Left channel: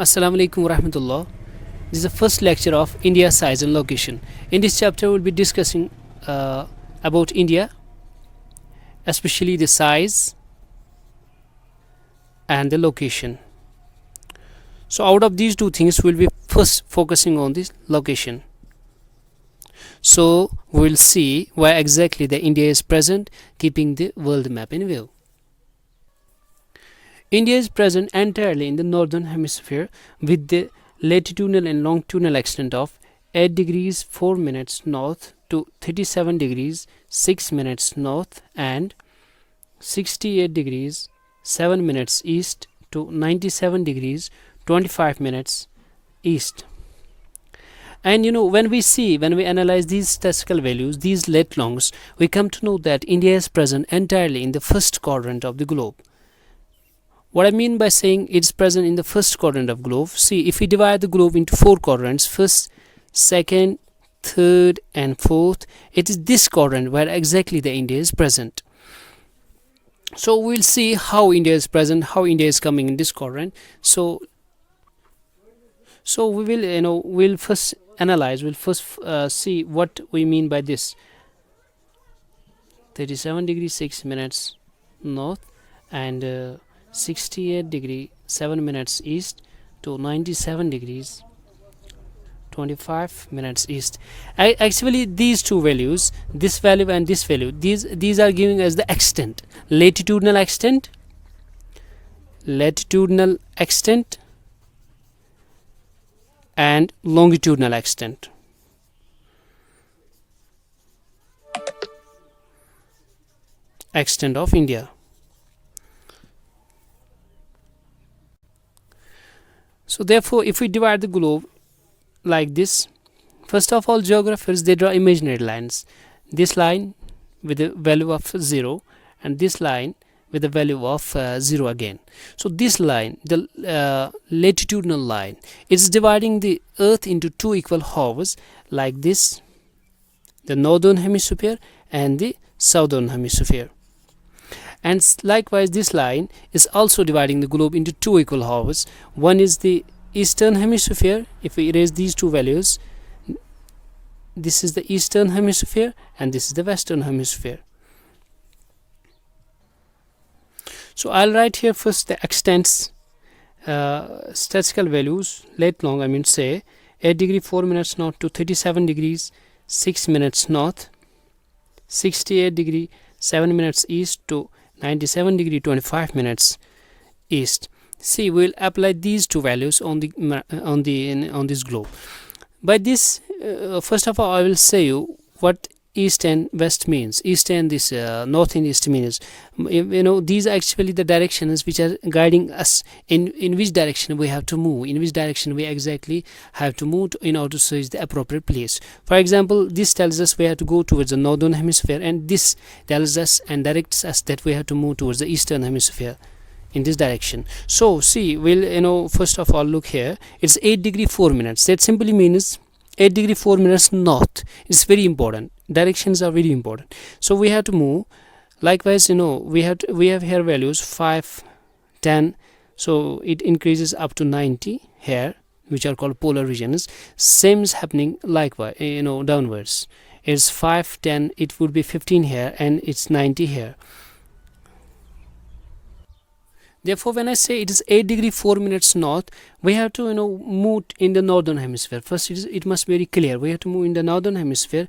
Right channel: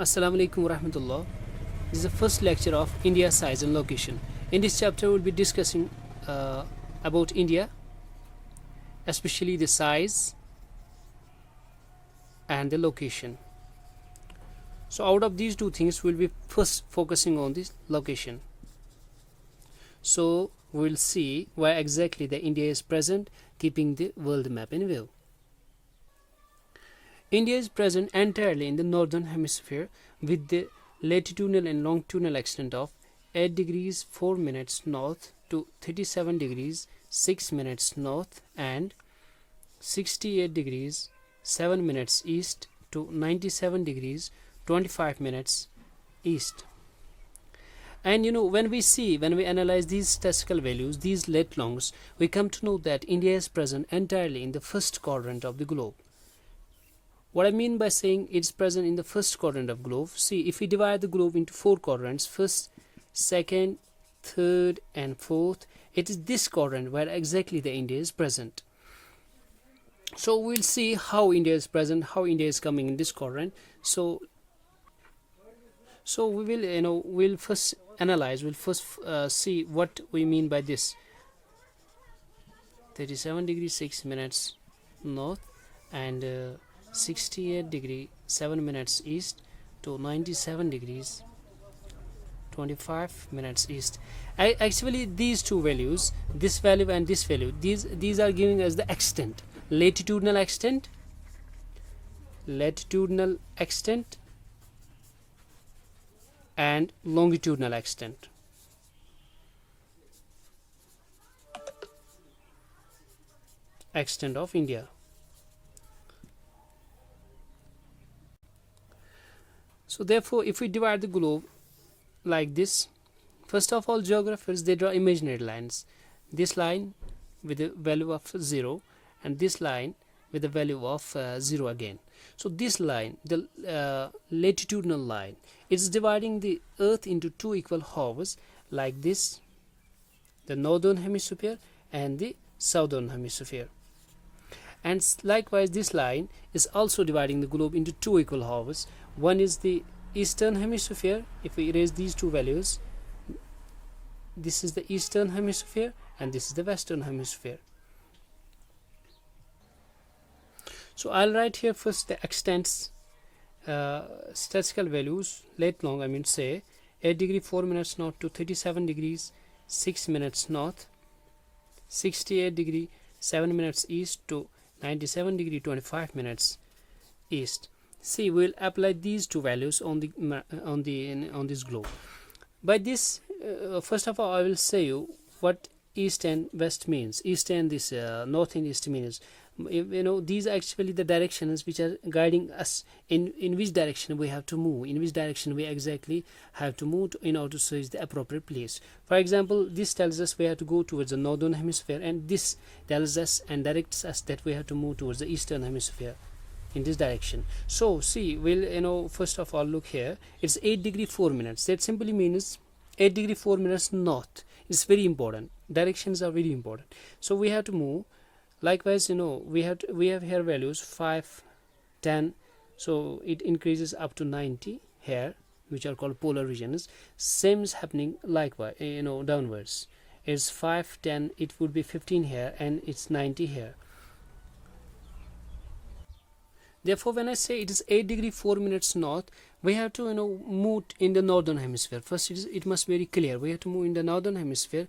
Assalamu alaikum warahmatullah. This is the first lecture of India size and location. In this chapter, we'll be discussing about India, especially the size and the location. So, out of these two things, we'll be first focusing on the location. So, we'll see where exactly the India is present, keeping the world map in view. India is present entirely in the northern hemisphere with the latitudinal and longitudinal extent of 8 degrees 4 minutes north to 37 degrees 6 minutes north and 68 degrees 7 minutes east to 97 degrees 25 minutes east. And when we analyze these statistical values, these lat longs, we come to know that India is present entirely in the first quadrant of the globe. What I mean by saying it's present in the first quadrant of globe, see, if we divide the globe into four quadrants, first, second, third and fourth, it is this quadrant where exactly the India is present. So we'll see how India is present, how India is coming in this quadrant. So we will we'll first analyze, we'll first see what we mean by this. 37 degrees 6 minutes north and 68 degree 7 minutes east to 97 degrees 25 minutes east. Actually, these two values, this value and this value, these are giving us the extent, latitudinal extent and longitudinal extent. Extent of India. So therefore, if we divide the globe like this, first of all, geographers, they draw imaginary lines. This line with a value of 0 and this line with a value of 0 again. So this line, the latitudinal line, is dividing the earth into two equal halves like this, the northern hemisphere and the southern hemisphere. And likewise, this line is also dividing the globe into two equal halves. One is the eastern hemisphere. If we erase these two values, this is the eastern hemisphere and this is the western hemisphere. So I'll write here first the extents, statistical values, lat long, I mean say 8 degree 4 minutes north to 37 degrees 6 minutes north, 68 degree 7 minutes east to 97 degree 25 minutes east. See, we'll apply these two values on this globe. By this, first of all, I will say you what east and west means. East and this north and east means. These are actually the directions which are guiding us in which direction we have to move, in which direction we exactly have to move in order to search the appropriate place. For example, this tells us we have to go towards the northern hemisphere, and this tells us and directs us that we have to move towards the eastern hemisphere in this direction. So see, we'll first of all look here. It's 8 degree 4 minutes. That simply means 8 degree 4 minutes north. It's very important. Directions are very important. So we have to move. Likewise, we have here values 5, 10. So it increases up to 90 here, which are called polar regions. Same is happening likewise, downwards. It's 5, 10. It would be 15 here, and it's 90 here. Therefore, when I say it is 8 degree 4 minutes north, we have to move in the northern hemisphere. First, it must be very clear. We have to move in the northern hemisphere.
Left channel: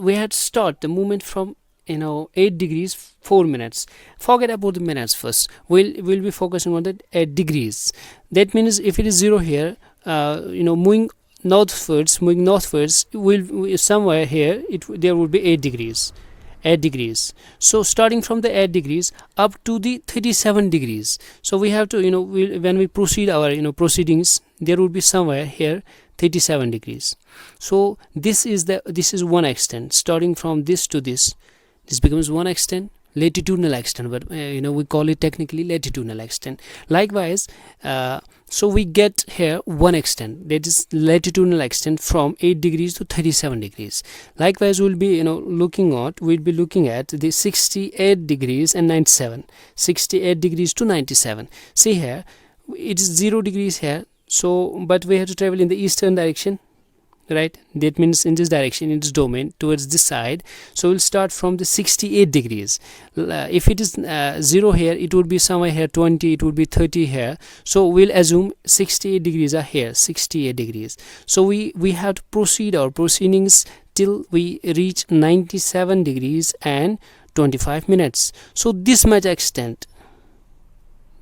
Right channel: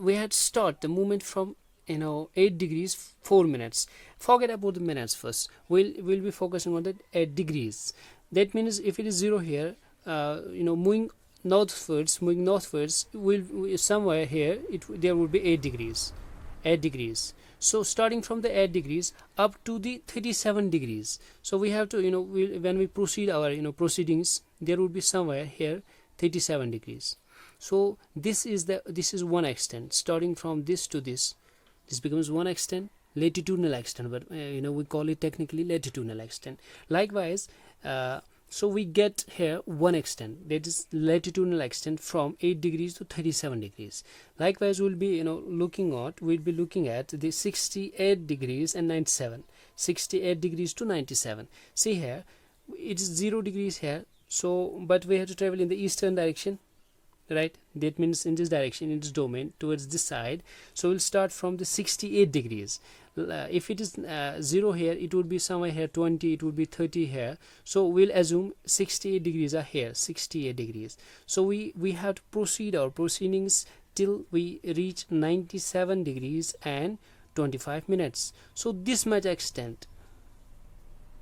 We had to start the movement from 8 degrees 4 minutes. Forget about the minutes first. We'll be focusing on the 8 degrees. That means if it is 0 here, moving northwards, will somewhere here there will be 8 degrees. 8 degrees. So starting from the 8 degrees up to the 37 degrees. So we have to when we proceed our proceedings, there will be somewhere here 37 degrees. So this is one extent. Starting from this to this becomes one extent, latitudinal extent, but we call it technically latitudinal extent. Likewise, so we get here one extent, that is latitudinal extent from 8 degrees to 37 degrees. Likewise, we'll be looking at the 68 degrees and 97, 68 degrees to 97. See here, it is 0 degrees here, so but we have to travel in the eastern direction, right? That means in this direction, in this domain, towards this side. So we'll start from the 68 degrees. If it is 0 here, it would be somewhere here 20, it would be 30 here. So we'll assume 68 degrees are here, 68 degrees. So we have to proceed our proceedings till we reach 97 degrees and 25 minutes. So this much extent,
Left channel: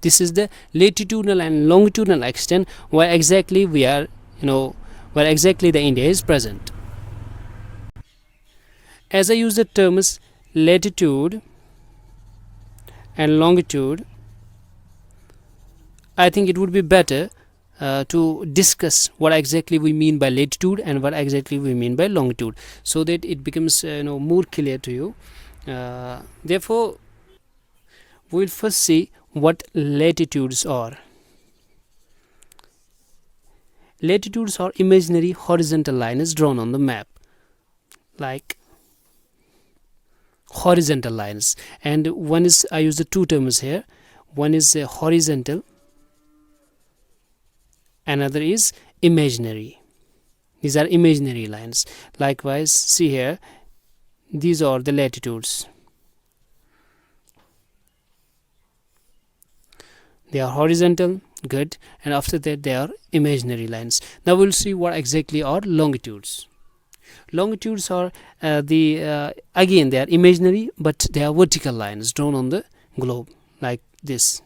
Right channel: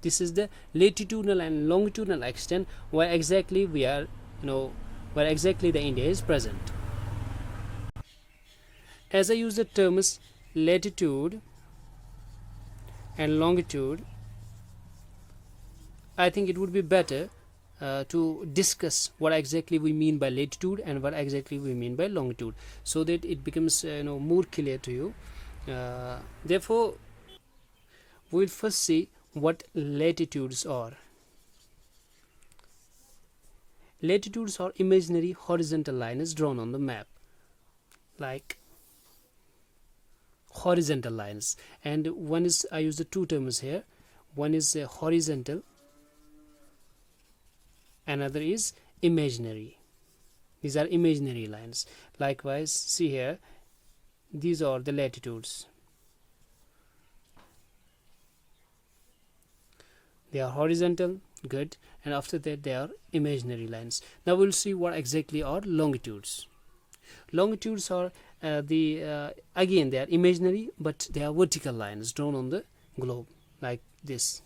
this is the latitudinal and longitudinal extent where exactly we are, where exactly the India is present. As I use the terms latitude and longitude, I think it would be better to discuss what exactly we mean by latitude and what exactly we mean by longitude, so that it becomes more clear to you. Therefore, we will first see what latitudes are. Latitudes are imaginary horizontal lines drawn on the map, like horizontal lines. And one is, I use the two terms here, one is horizontal, another is imaginary. These are imaginary lines. Likewise, see here, these are the latitudes. They are horizontal, good, and after that they are imaginary lines. Now we'll see what exactly are longitudes. Longitudes are again, they are imaginary, but they are vertical lines drawn on the globe like this.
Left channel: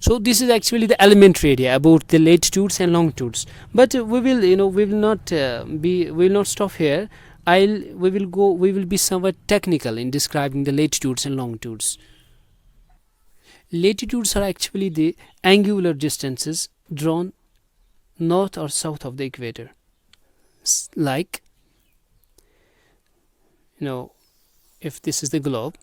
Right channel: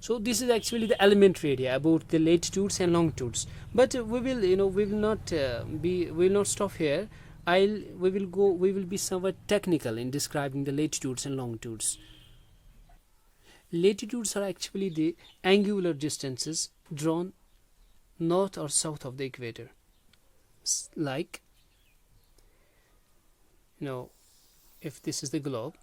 So this is actually the elementary idea about the latitudes and longitudes. But we will not stop here. We will be somewhat technical in describing the latitudes and longitudes. Latitudes are actually the angular distances drawn north or south of the equator. Like, if this is the globe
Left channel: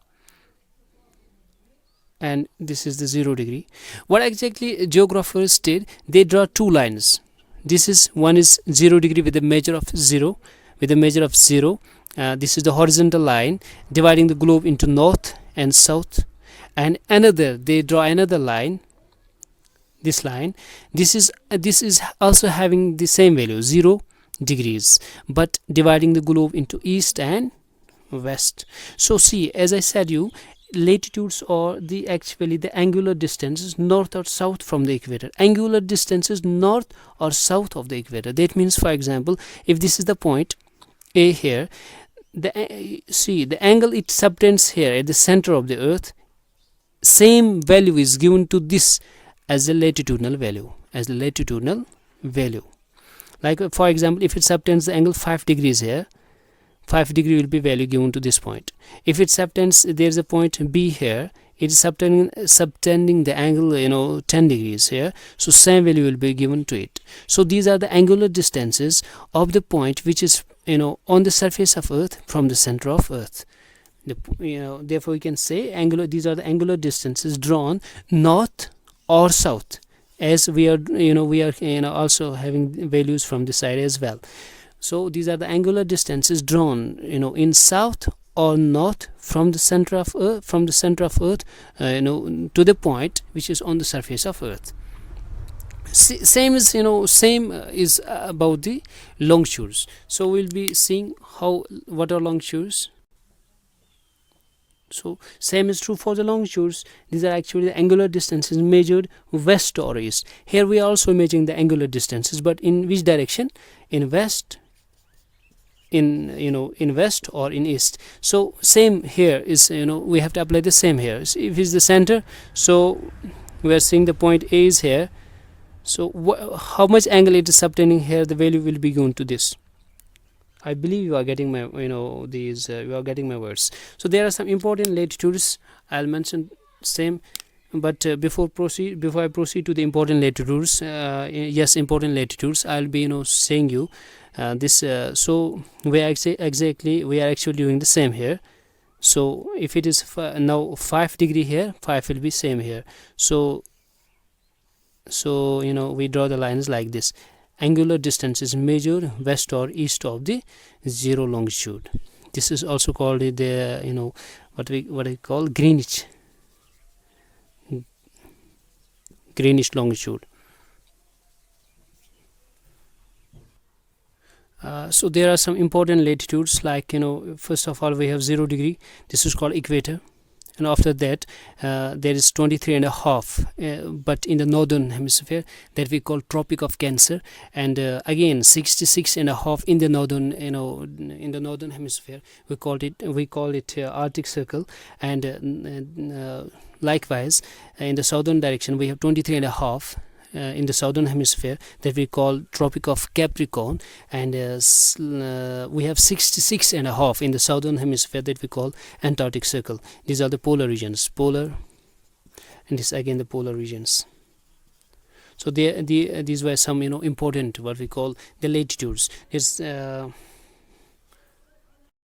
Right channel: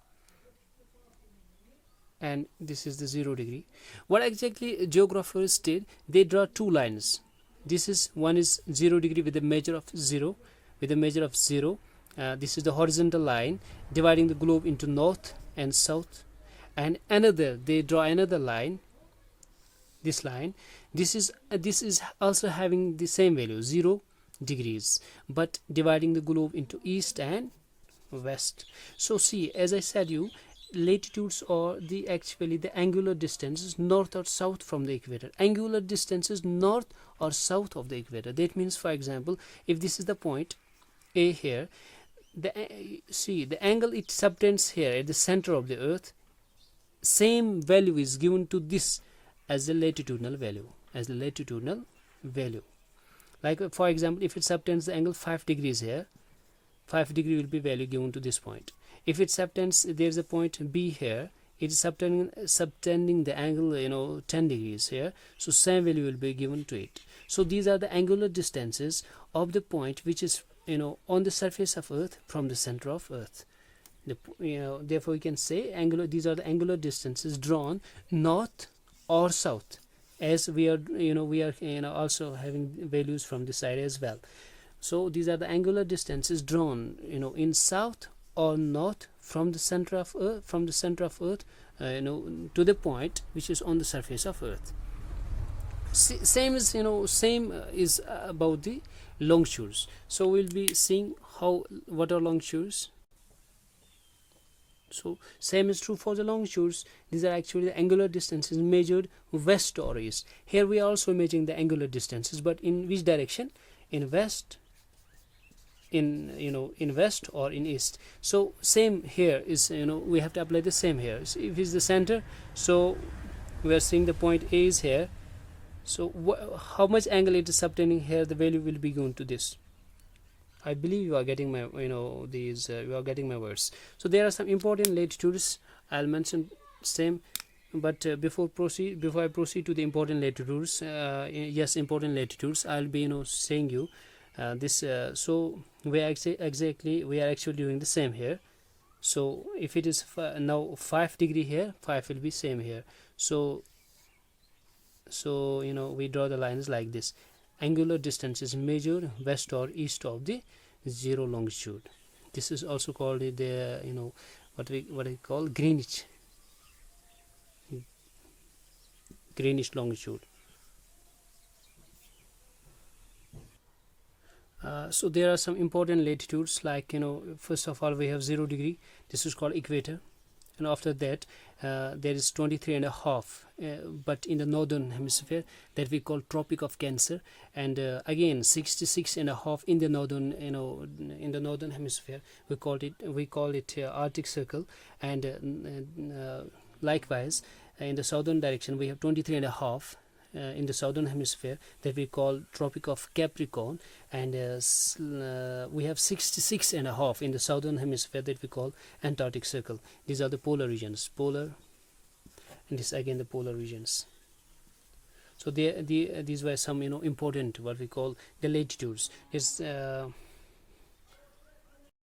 and this is the 0 degree, what exactly geographers did, they draw two lines. One is 0 degree with a measure of 0. This is the horizontal line dividing the globe into north and south, and they draw another line, this is also having the same value, 0 degrees, but dividing the globe into east and west. So see, as I said you, latitudes are actually the angular distances north or south from the equator. Angular distances north or south of the equator. That means, for example, if this is the point A here, the angle it subtends here at the center of the earth, same value is given to this as the latitudinal value. Like, for example, if it subtends the angle 5 degrees here, 5 degree will be value given to this point. If it subtends, there is a point B here, it is subtending the angle 10 degrees here, so same value will be given to it. So these are the angular distances of the point which is on the surface of earth from the center of earth. Therefore we can say these are the angular distances drawn north or south, as we are also having values from this side as well. So these are the angular distances drawn in south or north from the center of earth to the point which is on the surface of earth. Same is about the longitudes. So we'll be seeing what are longitudes. So same is true for the longitudes. These are actually the angular distances measured west or east. Here we are also measuring the angular distances, but in which direction? In west, in west or in east. So same here is we have to apply the same here. So if it's the center, so we are seeing the point A is here. So how much angle it is subtending here, the value will be given to this. I believe you are getting my you are getting my words. So there are some important latitudes. I'll mention same, but before I proceed to the important latitudes, important latitudes, I'll be saying you this. So we are actually doing the same here. So if it is now 5 degree here, 5 will be same here. So we draw the lines like this. Angular distance is measured west or east of the 0 longitude. This is also called the what we call greenish longitude. So there are some important latitudes, like first of all we have 0 degree. This is called equator, and after that there is 23 and a half, but in the northern hemisphere, that we call Tropic of Cancer, and again 66 and a half in the northern, in the northern hemisphere, we call it Arctic Circle, and likewise in the southern direction we have 23 and a half in the southern hemisphere, that we call Tropic of Capricorn, and we have 66 and a half in the southern hemisphere, that we call Antarctic Circle. These are the polar regions, polar, and this again the polar regions. So these were some important what we call the latitudes. Is